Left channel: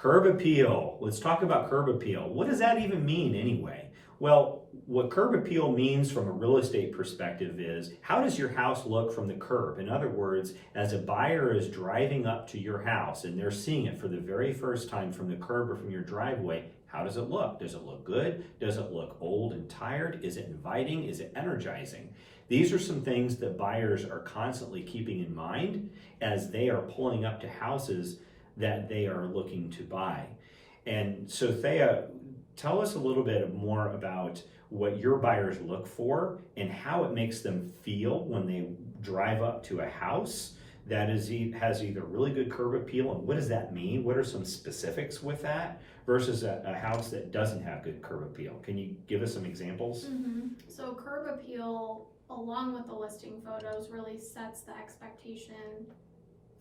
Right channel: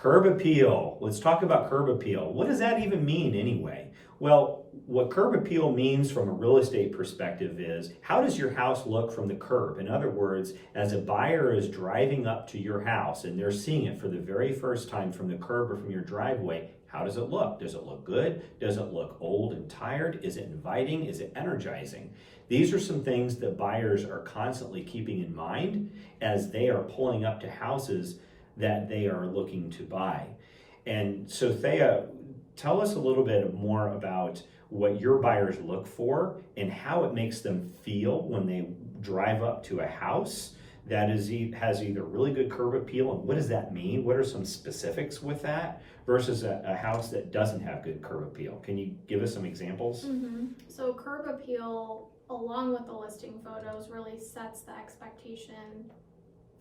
Curb appeal. Let's talk about curb appeal. What does that even mean anyway? Well, what curb appeal means from a real estate perspective is, how does your house look from the curb? In other words, as a buyer is driving up to your house and they're seeing it for the very first time from the curb or from your driveway, how does it look? Does it look good? Does it look old and tired? Is it inviting? Is it energizing? These are some things that buyers are constantly keeping in mind as they are pulling up to houses that they are looking to buy. And so Thea, tell us a little bit more about what your buyers look for and how it makes them feel when they drive up to a house that has either really good curb appeal, and what does that mean? What are some specifics with that versus a house that doesn't have good curb appeal? Can you give us some examples? So curb appeal, along with the listing photos, really sets the expectation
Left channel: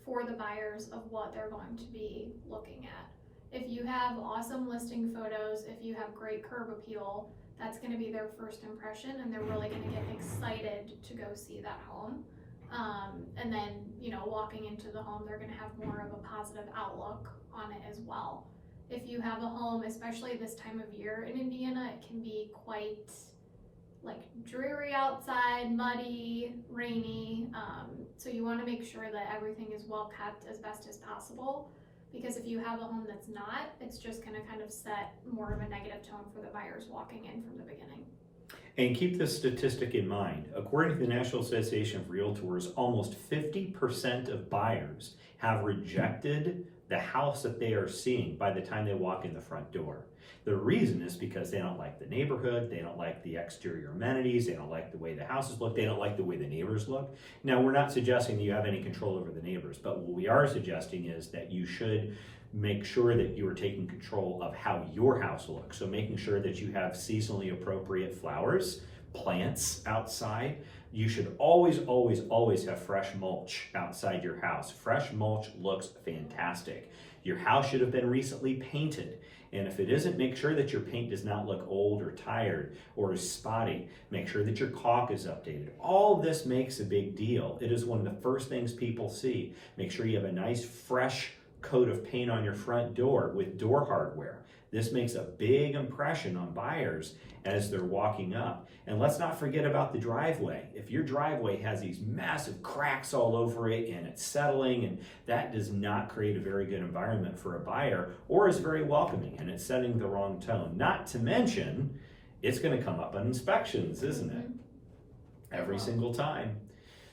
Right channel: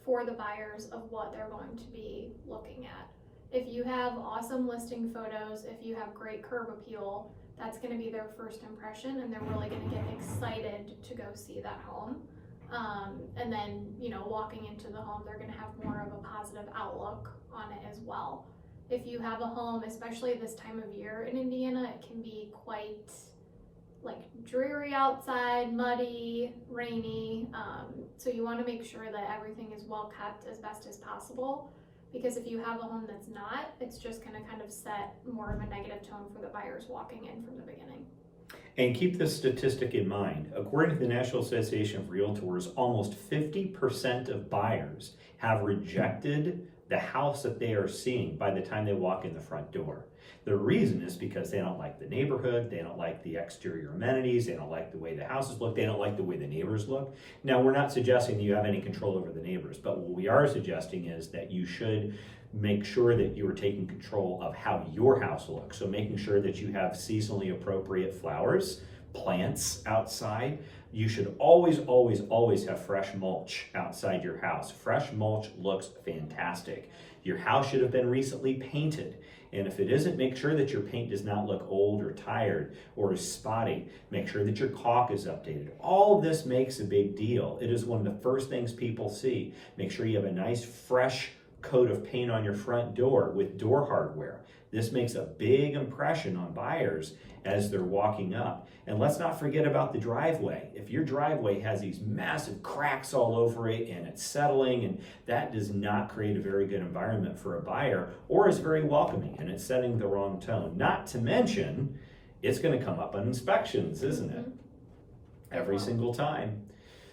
for the buyers of what they're going to be looking at. If you have awesome listing photos, if you have great curb appeal, that's going to be their first impression, and they're really going to get excited to go see that home. And then, walking into the home, they're going to have more of a positive outlook on it as well. If you have a home, especially this time of year in Indiana, it can be quite dreary outside, muddy, rainy. So you want to make sure that everything is well kept as best as possible, because if you have a home that's not, it's just going to kind of set more of a negative tone for the buyers walking in from the beginning. And keep this statistic in mind. According to the National Association of Realtors, almost 50% of buyers have rejected the house that they are seeing by the time they walk in the front door. The reason is because they don't like the neighborhood, they don't like the exterior amenities, they don't like the way the houses look, they don't like the way the neighbors look. Now, we're not suggesting that you have any control over the neighbors, but what we are suggesting is that you should make sure that you are taking control of how your house looks. So making sure that you have seasonally appropriate flowers, plants outside. You should always, always, always have fresh mulch outside your house. Fresh mulch looks fantastic. Your house should have been recently painted. And if it isn't, make sure that your paint does not look old or tired or is spotty. Make sure that your caulk is updated. All of this makes a big deal. It is one of the first things people see. Make sure you have a nice, fresh coat of paint on your front door with door hardware. This makes a big impression on buyers as they're walking up. And let's not forget about the driveway. If your driveway has these massive cracks all over it and it's settling, and that does not create a very good environment for a buyer, or is very welcoming, and it's setting the wrong tone. Not to mention, it's going to come up on inspections, isn't it? Every single time.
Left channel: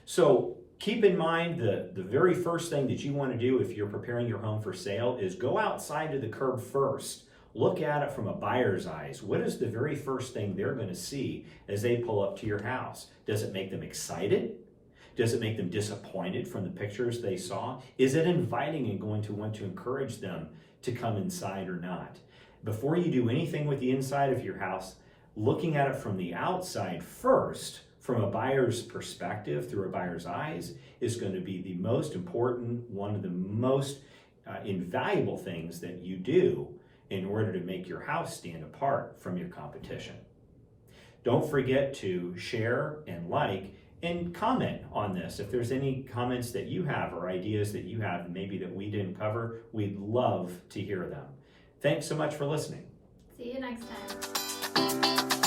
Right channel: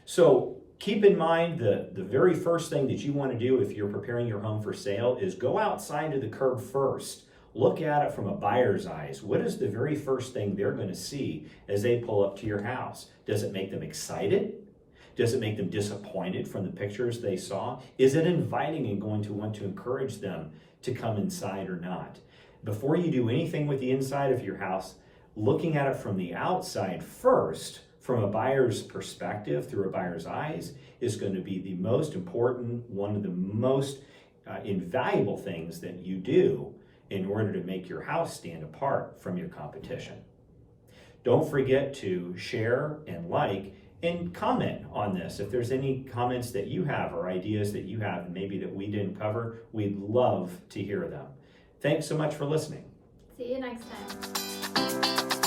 So keep in mind the very first thing that you want to do if you're preparing your home for sale is go outside to the curb first. Look at it from a buyer's eyes. What is the very first thing they're going to see as they pull up to your house? Does it make them excited? Does it make them disappointed from the pictures they saw? Is it inviting and going to want to encourage them to come inside or not? Before you do anything with the inside of your house, looking at it from the outside first, from a buyer's perspective, through a buyer's eyes, is going to be the most important, one of the most invaluable things that you do in order to make your house stand apart from your competition. Don't forget to share and like and comment on this. If there's any comments that you have or ideas that you have maybe that we didn't cover, we'd love to hear them. Thanks so much for listening. See you next time.